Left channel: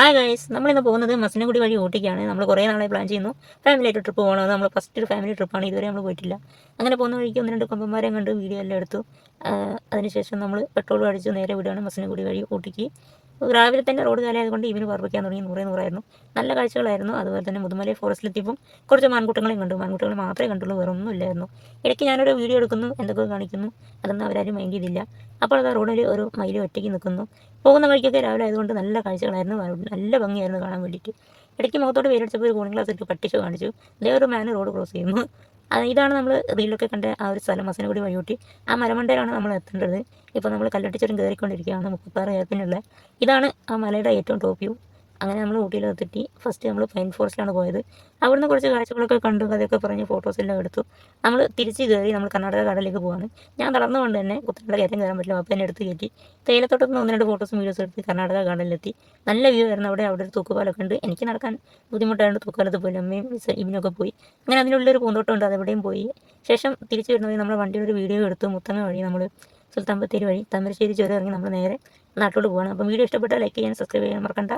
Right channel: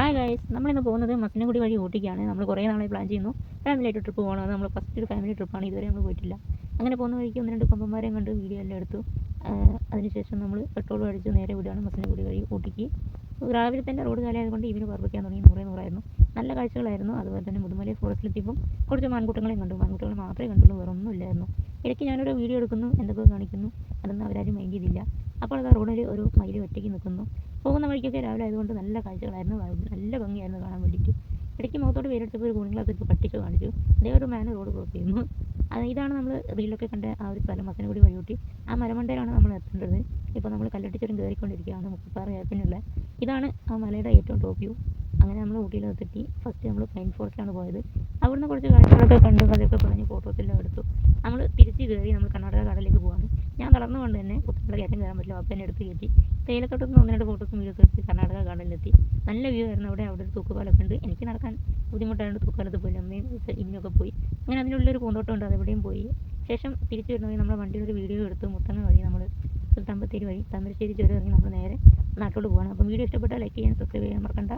Hi guys, നമ്മളിന്ന് പോകുന്നത് മസനഗുഡി വഴി ഊട്ടിക്കാണ്. നമ്മൾ കുറേ നാളെ പ്ലാൻ ചെയ്യുന്നു ഫാമിലി ആയിട്ട് ട്രിപ്പ് പോകണമെന്ന്. നമ്മൾ ഫസ്റ്റ് ഒരു ഫാമിലി ട്രിപ്പാണ്, ഇതുവരെ നമ്മൾ പോയിട്ടില്ല. അങ്ങനെ പോകുന്ന വഴിക്ക് ഒന്ന് രണ്ട് കൊമ്പന്മാരെ കണ്ട് വീഡിയോ എല്ലാം എടുത്തു. അതിനുശേഷം നമ്മൾ പെട്രോൾ അടിച്ച് നേരെ വിടുകയാണ് മസനഗുഡി വഴി ഊട്ടിക്ക്. രാവിലെ തന്നെ റോഡ് കാലമായതുകൊണ്ട് ഇവന് പറപ്പിക്കാൻ തുടങ്ങി. നൂറായിരുന്നു. നല്ല കാഴ്ചകളായിരുന്നു. അതുപോലെ തന്നെ മുതുമലൈ ഫോറസ്റ്റിലെത്തിയപ്പം കുറച്ച് മാൻകുട്ടങ്ങളെയും കണ്ടു. മാൻകുട്ടങ്ങൾ മാത്രമേ കണ്ടുള്ളൂ, വേറെ ഒന്നുമില്ലായിരുന്നു. ഇടയ്ക്ക് ഞാനൊരു വീഡിയോ എടുക്കുന്നു, എന്തൊക്കെ കാണിക്കുന്നു, അതൊന്നും അവരാരും മൈൻഡ് ചെയ്തില്ല. അപ്പോൾ അത് റോഡിൽ ഒരു മയിൽ ഒറ്റയ്ക്ക് നിൽക്കുന്നു. പോകുന്ന വഴിക്കൊക്കെ രാവിലെ ആയതുകൊണ്ട് നല്ല കാഴ്ചകളായിരുന്നു, നല്ല ഭംഗിയായിരുന്നു കാണാൻ വേണ്ടിയിട്ട്. ഇടയ്ക്ക് മുഖത്തോട്ട് വെയിലടിച്ചപ്പോൾ ഒരു കൂളിംഗ് ഗ്ലാസ് ഇട്ട് പട്ടിച്ച് കാണിച്ചു. അതേ ഒരു മാൻ റോഡ് ക്രോസ് ചെയ്യുന്നു. ഇതാണ് നമ്മൾ റീലൊക്കെ കണ്ട ആ ഒരു സ്ഥലം, മസനഗുഡി വഴിയൂട്ടി. ആ മലമണ്ടയിലാണ് നമ്മൾ എത്തേണ്ടത്. ഇപ്പോൾ നമ്മൾ കല്ലട്ടിച്ചുരം കയറിക്കൊണ്ടിരിക്കുകയാണ്, 36 ഏർപ്പിനുള്ള. ഇതാണ് ആ മലയുടെ ഏറ്റവും ടോപ്പ് വ്യൂ. അങ്ങനെ നമ്മൾ ഊട്ടിയിലെത്തി. ഫസ്റ്റ് നമ്മൾ പൈൻ ഫോറസ്റ്റിലാണ് പോയത്. അവിടുന്ന് കുറച്ച് കാഴ്ചകളൊക്കെ കണ്ടു, അതൊക്കെ പറഞ്ഞ് ഫോട്ടോസെല്ലാം എടുത്തു. നമ്മൾ തിരിച്ച് കയറി നമ്മൾ കർണാടക കടലിലേക്ക് പോവാണ്. ഞാൻ തളർന്നുകൊണ്ട് തന്നെ കുത്തനെയുള്ള കയറ്റം കയറാൻ പറ്റില്ല, അപ്പോൾ എന്നെ എടുത്ത് കയറ്റി. തേയിലത്തോട്ടത്തിൽ നിന്ന് 1-2 ഫോട്ടോസും വീഡിയോസും എടുത്ത് കർണാടക കടലിലെത്തി. നല്ല വ്യൂ ആയിരുന്നു. അവിടെ ഒരു തൂക്കുപാലൊക്കെ ഉണ്ട്. എനിക്ക് നടക്കാൻ ബുദ്ധിമുട്ടായതുകൊണ്ട് തൂക്കുപാലത്ത് പോയി. അമ്മയും ഇവനൊക്കെ പോയി. അങ്ങനെ അതിനുള്ളൊരു പൂന്തോട്ടം ഉണ്ട്, അതെവിടെയും പോയി. ശേഷം തിരിച്ച് വരുന്ന വഴി നമ്മൾ വണ്ടിയുടെ ഒരു വീഡിയോ എടുത്തു. മുത്തങ്ങ വഴി നമ്മൾ സുൽത്താൻ ബത്തേരി വഴി താമരശ്ശേരി ചുരം ഇറങ്ങി നമ്മൾ നേരെ നാട്ടിലോട്ട് പോകണം. അപ്പം വീഡിയോ ഇഷ്ടപ്പെട്ടാൽ ലൈക്ക് ചെയ്യാൻ, സബ്സ്ക്രൈബ് ചെയ്യാൻ മറക്കണ്ട.